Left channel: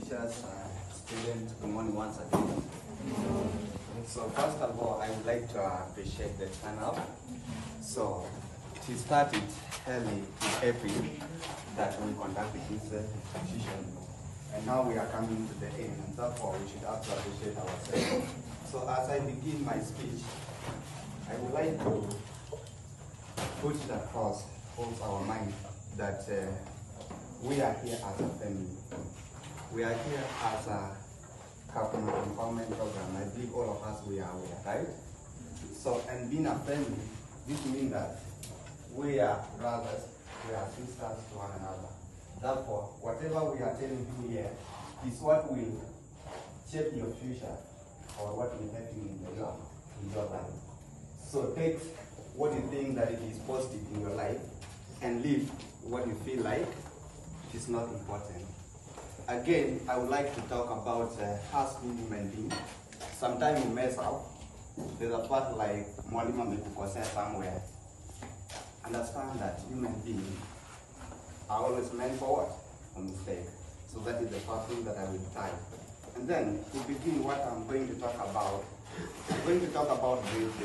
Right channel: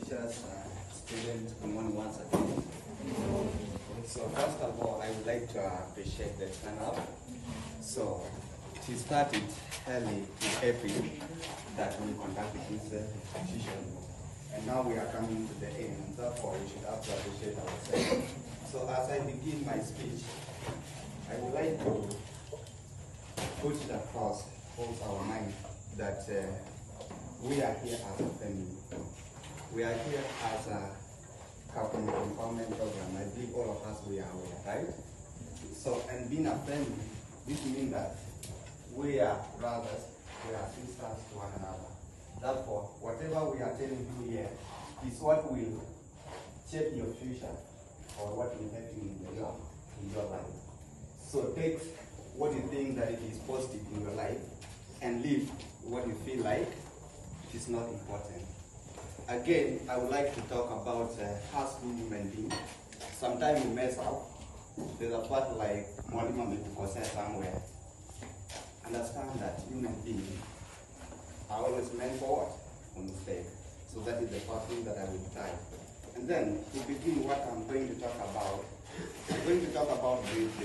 Teachers, students, good morning once again. So first of all, I would like to appreciate the turnout. So it started early in April that we conducted this competition, and now we are coming to the end, and therefore we should have to appreciate ourselves. So as I begin my speech, I would like to put it across both our minds that we are here as a family. We are here as a couple empowerment program. I believe all of us we are aware, right? So, and being a family, this means that we are brothers, we are sisters to one another. Therefore, whatever we are telling you here is what will shape your future or what will help you in your life. So take what you think that it is positive in your life and leave what you feel like it is not important. Again, I would like to talk about us human beings. Sometimes we mess up. There's a part like Mwalimu amekukosea somewhere. Understand that human beings are always meant for what? For mistake. So that is the first thing that I will try. And then to begin what I'm going to talk about, I'm going to talk about